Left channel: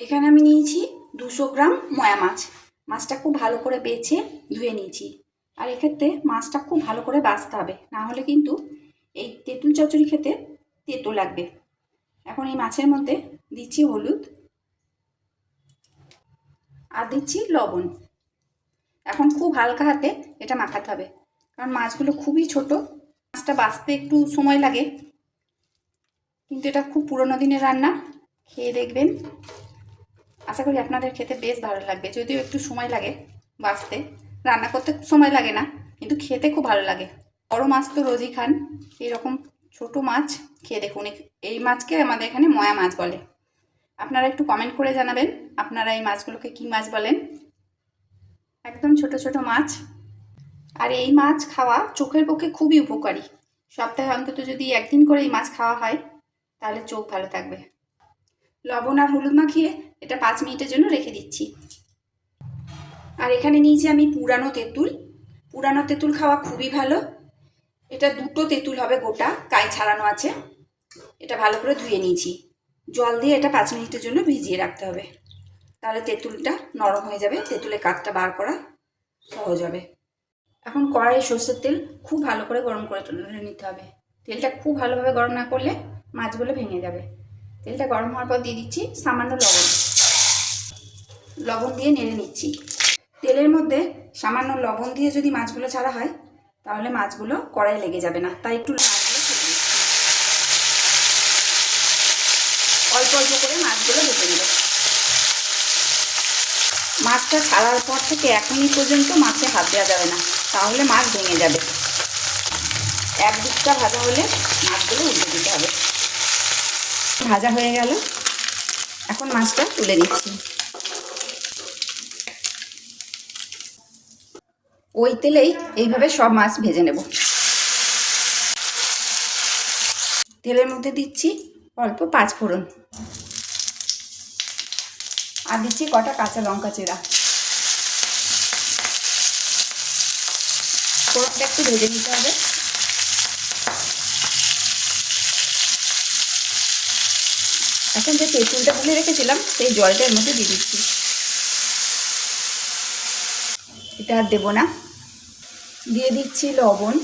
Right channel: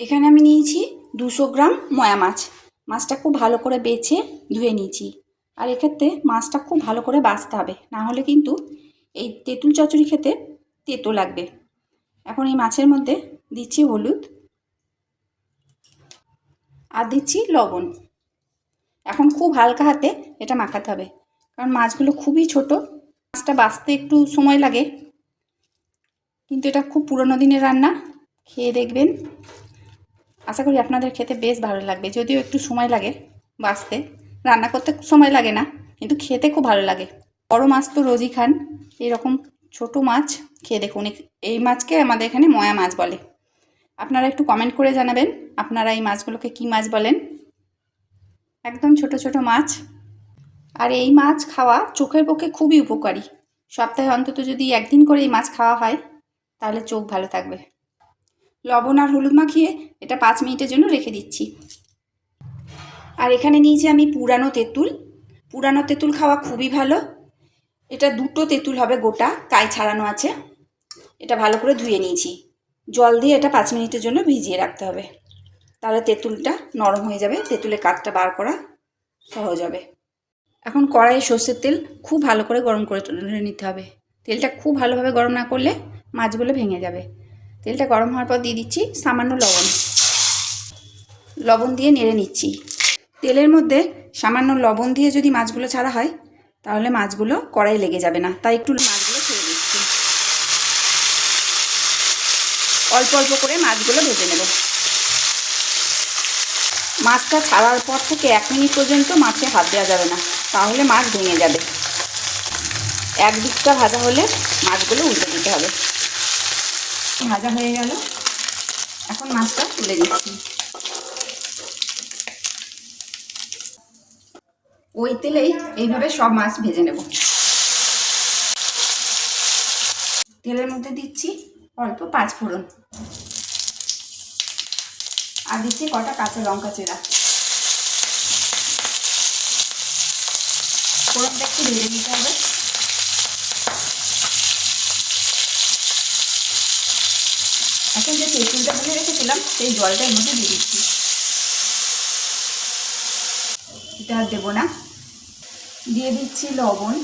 এখানে আমি নিয়েছি 200 গ্রাম ময়া মাছ। মাছটা খুব ভালো করে বেছে ধুয়ে নিয়েছি। আর এক্ষেত্রে মাছটা খুব ভালো করে বাছতে হবে, না হলে কিন্তু এই তেঁতুল চচ্চড়ি খেতে তেতো লাগবে। এখন এই মাছের মধ্যে দিচ্ছি হলুদ আর দিচ্ছি লবণ। এখন খুব হালকা হাতে এটা মাখাতে হবে, কারণ মাছগুলো খুবই ছোট। মাছটা বাছতে একটু সময় লাগে, কিন্তু এটা খুব পুরনো দিনের রান্না। খেয়ে দেখবেন, আশা করি আপনাদের খেতে বেশ ভালো লাগবে। যদিও একটু সময় লাগে বাছতে, রান্না করতে সময় লাগে না, কিন্তু খেতে খুব ভালো লাগে। বড় মাছ তো রোজই খান, এরকম ছোট মাছ খেয়ে দেখুন। এই মাছকে আমাদের এখানে ময়া মাছ বলে। আপনারা একটু কমেন্ট করে জানাবেন আপনারা এই মাছগুলোকে কী মাছ বলেন। একদম ছোট ছোট মাছ। আর এই মাছ খাওয়া চোখের পক্ষে খুবই উপকারী। সপ্তাহে অন্তত যদি একদিন করে এই মাছ খাওয়া হয়, তাহলে চোখ ভালো থাকবে। লবণ আর হলুদ মাখিয়ে এটা 5 মিনিটের জন্য রেখে দিচ্ছি। আর এখানে নিয়েছি আমি পুরানো তেঁতুল। পুরানো তেঁতুল খাওয়া খুবই ভালো। এটা 2টো তেঁতুল হবে, গোটা কাই ছাড়ানো আছে। এটা ভালো করে ধুয়ে নিয়েছি। জল দিয়ে এটা 5 মিনিটের জন্য ভিজিয়ে রাখতে হবে, তাহলে তেঁতুলটা নরম হয়ে যাবে, তেঁতুলের কাঠটা বার করা সহজ হবে। এখন কড়াইয়ে সর্ষের তেল খুব ভালো করে গরম করে নিতে হবে। তেলটা খুব ভালোভাবে গরম না করলে মাছগুলো ভেঙে যাবে। তেলটা গরম হওয়ার পর দিয়ে দিচ্ছি সামান্য লবণ। লবণ দিয়ে নেড়ে নিচ্ছি। তেলের মধ্যে সামান্য লবণ দিয়ে যদি মাছগুলো ছাড়া হয়, তাহলে মাছগুলো কড়াইয়ে লেগে যাবে না, তাই একটু মাছগুলো ছেড়ে দিচ্ছি। অল্প অল্প করে মাছগুলো ভেজে নেব। মাছটা ছাড়ার পর থেকে 1 মিনিট পর্যন্ত মাছে হাত দেওয়া যাবে না, তাহলে মাছ ভেঙে যাবে। এক দিকটা ভাজা হলে মাছগুলো উল্টে দিতে হবে। ভাজা হয়ে গেল, এখন মাছটা তুলে দিচ্ছি। ওই তেলেই এইভাবে সব মাছ ভেজে নেব। তেলের মধ্যে দিচ্ছি অল্প 5 ফোড়ন, আর দিচ্ছি কটা কাঁচা লঙ্কা চেরা। ফোড়নটা একটু ভেজে নিতে হবে। এখন যে তেঁতুলটা তুলে রেখেছিলাম সেই জলটা এর মধ্যে দিয়ে দিচ্ছি। এটা আর দেবো না। দিয়ে দিচ্ছি লবণ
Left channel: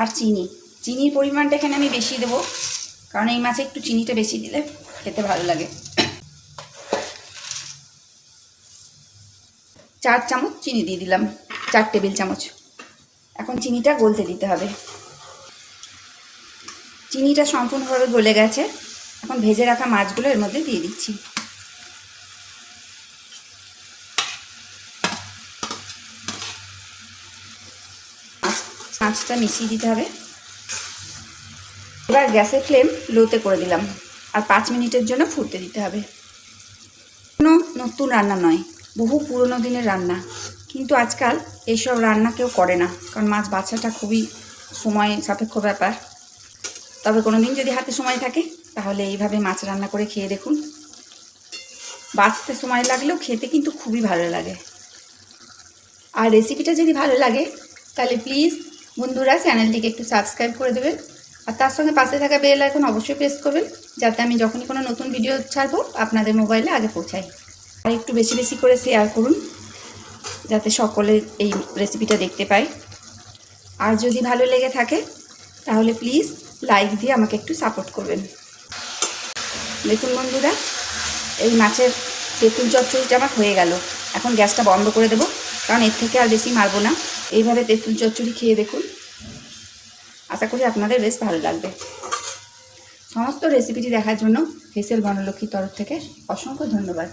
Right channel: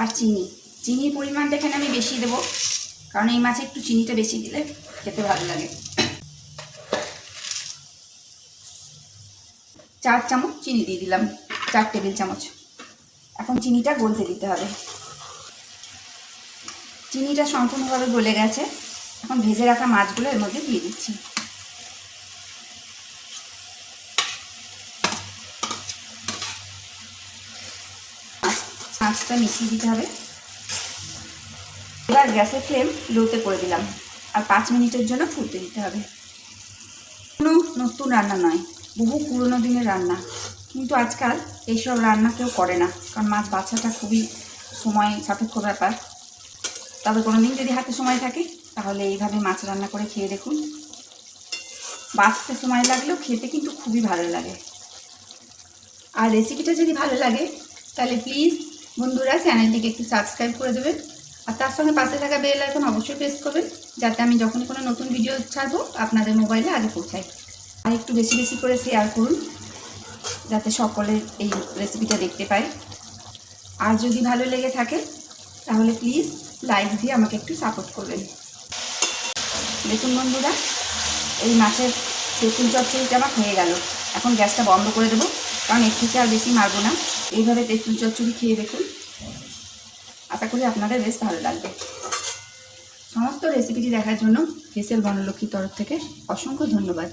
আর চিনি। চিনির পরিমাণটা এখানে আমি বেশি দেবো, কারণ এই মাছে একটু চিনিটা বেশি দিলে খেতে ভালো লাগে। 4 চামচ চিনি দিয়ে দিলাম, 4 টেবিল চামচ। এখন চিনিটা গলতে দিতে হবে। চিনিটা সম্পূর্ণভাবে গলে গেছে। এখন ভেজে রাখা মাছগুলো এর মধ্যে দিয়ে দিচ্ছি। মাছটা মিশিয়ে দিতে হবে। এবার গ্যাসের ফ্লেম লোতে করে দিলাম, আর 5 মিনিটের জন্য ফুটতে দিতে হবে। কোনো নতুন রান্না নয়, বহু পুরনো দিনের রান্না, কিন্তু আজকাল এইসব রান্না কেউ করে না, কারণ মাছ বাছাটা খুবই সময় সাপেক্ষ ব্যাপার। তবে কোনো দিন যদি হাতে সময় থাকে, তাহলে এইভাবে মাছ রান্না করে খেয়ে দেখুন। বাছতে সময় লাগলেও খেতে কিন্তু খুবই ভালো লাগে। আর রেসিপিটা যদি ভালো লাগে, তাহলে প্লিজ বন্ধুরা চ্যানেলটিকে একটু সাবস্ক্রাইব করে দেবেন, আর তার সঙ্গে পাশে থাকা বেল আইকন অবশ্যই প্রেস করবেন, যাতে আমি যখনই কোনো নতুন ভিডিও ছাড়বো আপনাদের মোবাইলে আগে পৌঁছাই। আর একটু বেশি বেশি করে শেয়ার করুন, যাতে সকলে এই রেসিপিটা দেখতে পায়। আর যদি ভালো লেগে থাকে, তাহলে প্লিজ লাইক দিয়ে আমাকে একটু সাপোর্ট করবেন। দেখুন বন্ধুরা, এই মাছের তেঁতুল চচ্চড়িটা আমার হয়ে গেল। এখন গ্যাসটা বন্ধ করে দেবো, কারণ এর থেকে আর বেশি মারবো না। এইভাবে তেঁতুল চচ্চড়ি খেয়ে দেখুন, আশা করি আপনাদের বেশ ভালো লাগবে। সমস্ত রেসিপিটি দেখার জন্য হেসেল বনলক্ষ্মীর তরফ থেকে অসংখ্য ধন্যবাদ।